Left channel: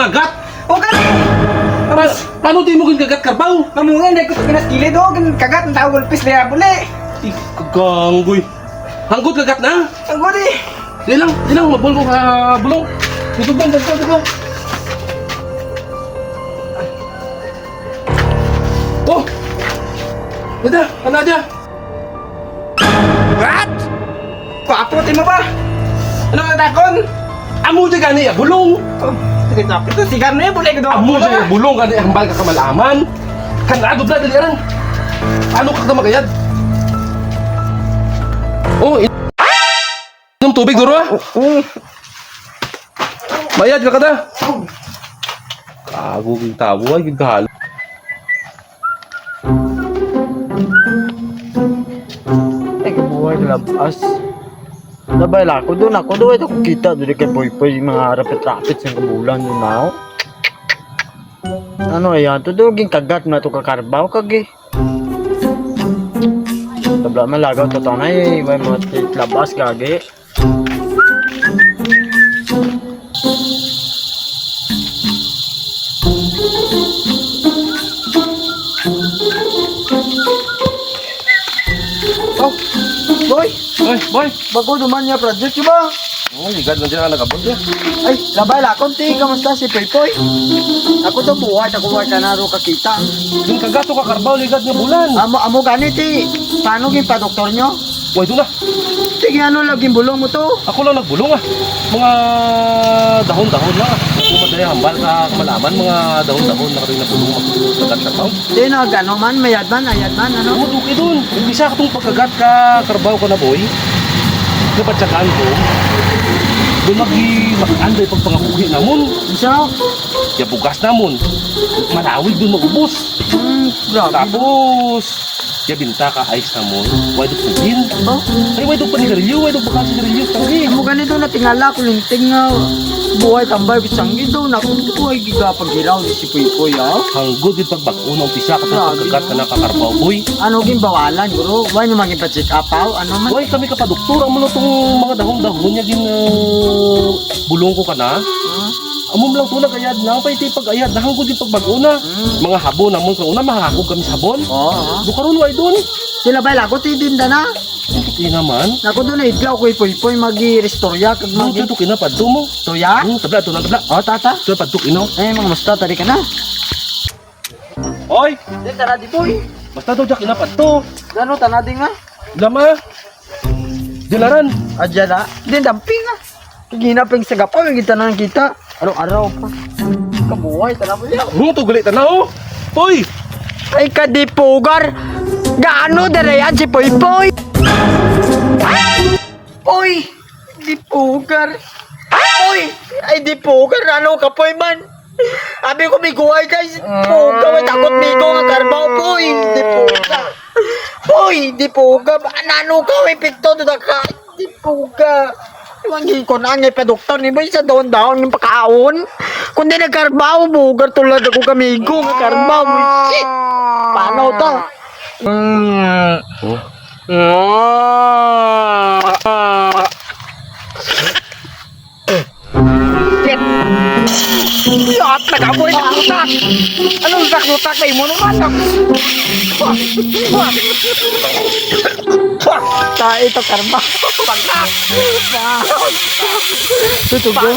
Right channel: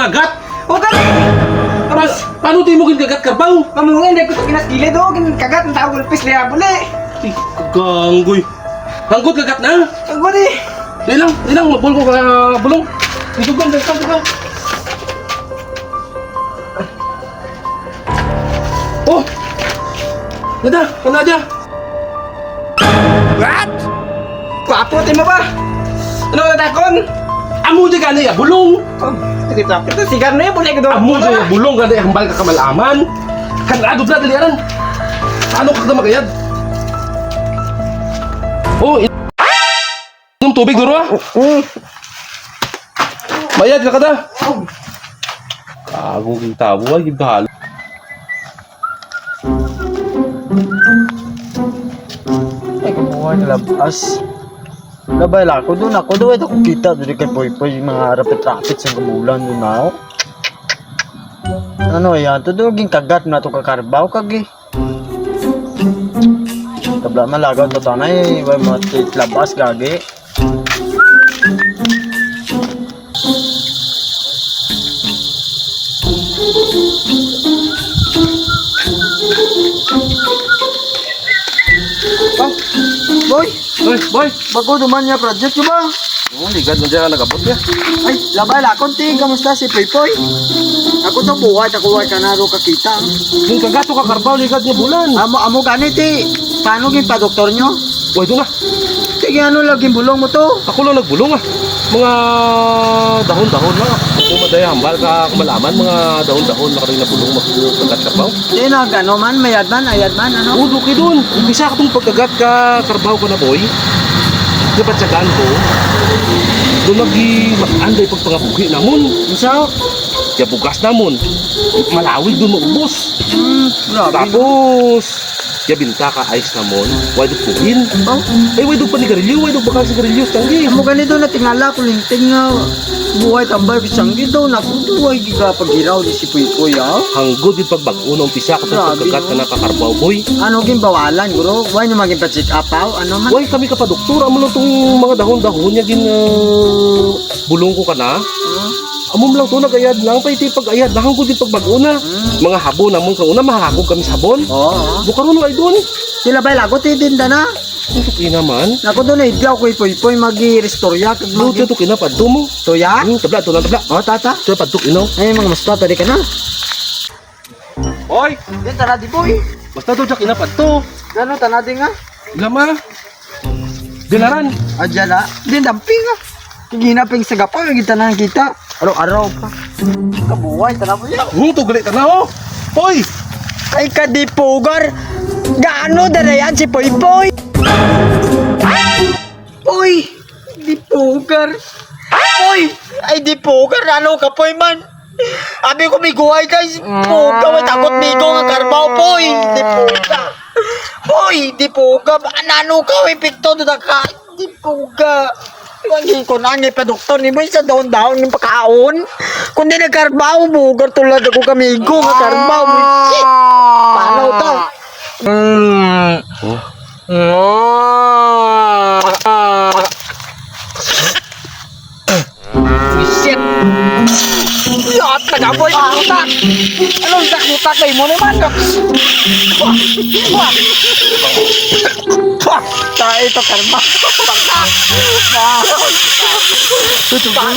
mangagat. O ka. Paano di mo ginagat karbaw? Mamungin dai ko sa kinaskilid o kagat ng tao gulpis liya buli. Kaganggoy. Hanggot kagat na. Ang guri. Di lang, mabul ko ka bulong. Dito ba? Oh! Dada, kanada. What? Kwapo mo ba? Ano ka takon? Amo di gani ya bulong. Oh, ito sigar na yun, buli ko daw. Amo di ya bulong gani hambal ka kamalaman. Kanado bla dali aran. Paano ka magayad? Oh, inom tubig duro ah. Bayad ka kada. Kago ging tabo ay gidahal. Ay, kabuhay na labas. Labay lang ako doon. Ako doon. Ito kung kita. Doon kay Poy-Poy. Yung mga rapit-rapit sa kabulan doon na ako. Ano yan? Ito doon. Kagat na ito kakarbaw. Kagi. Tabla malagaw. Ito tanay. May mga tit labas. Kagi. Oh, boy. Boy. Bago duman niya project ba? Oh, ligad na dyan nagabot ya. Ay, labay lang. Kunti. Kamusta si Poy-Poy? Ako to buhay. Nakuha ka na ro kakita. Ging kagato ka karbaw ligad na bulan. Amo ganit eh. Paano pa doktor nyo? Uy, doon na. Sige ano laging bulong mo to? Ako lang nagbulong ah. Mga dahon-dahon lang ah. Kung maday hambal ka kumalaman, mga dahon-dahon na kami nabulong magkagat karbaw. Di ano man, ayad man, ano? Oo, duki doon. Umpisa ka itong pagkagat ka karbaw ko na boy. Napatsagaan ko. Doon mag-anday pagpangabuhi namon. Isa? Kaya bugas namon. Malawig doon maubos. Grabe. Tapos, kaya binta ka ice namon. Why do pugin? Ba? Ay, why do panigarilyo? Why do bakal sa garilyo? Tangi. Amo ganito na tingala ko linting nga buhay tambay ko siyang gido na kung buhay giga paghiraw di si Puy-Puy ah. Hanggod yung pagbago na umpisa ka Grabe, pagkagat ka no? na kakarbaw boy. Ano gin bawalan guro? Why naman gin pa-check up Ano man? Why kami ka pa doktor? Amo lang itong mga dahon-dahon niya gin bulong ko ka na. Amom lang to nagayad lang pa iti pag-ayad na hanggod yung pagbago na. Mga habon namon kung una mahahakog kami sabon. Oo. Bukaron wala doon. Sila ba lagot tinda na? Tutuki naman. Nako doon eh, diyaw ko Puy-Puy magi-restorya kag No, magi. tutuki na padto mo. Toya? Tabla, ito na tabla. Oh, tata. Ito padtok inaw. Ay mga musta tadi ka na. Oy! Di tara di boy. Basta to jak ina padto. Gano tanadi nga? Lama. Dilaran. Adya na. Di damping ah. Ginaping sa gapaw yung kita na kita. Araw-araw pa. Kabuhay tara mo yan. Tugali ka na oh. Oy! Ay kadipugar. Gaano dere yan si Poy-Poy? Uy! Dipugar. Uy! Ay dipugar. Ano ka Poy man? Abi ko may guhay guys. Puga. May takot migo nga karbaw Poy. Dipuga. Uy! Dipuga. Ano ka? May pikto doon ka. Dipuga. Iwagin ko na ngay pa doktor ni ba sa daon-daon ng pakaon. Kung di nagkarbaw, bugar tulad ako kamigo nga karbaw. Shit! Paano to? Shit! Yot! Nagaboy ng utak! Anong utak kayo mo naman? Tayo ito karma. Pagka! Tutugin.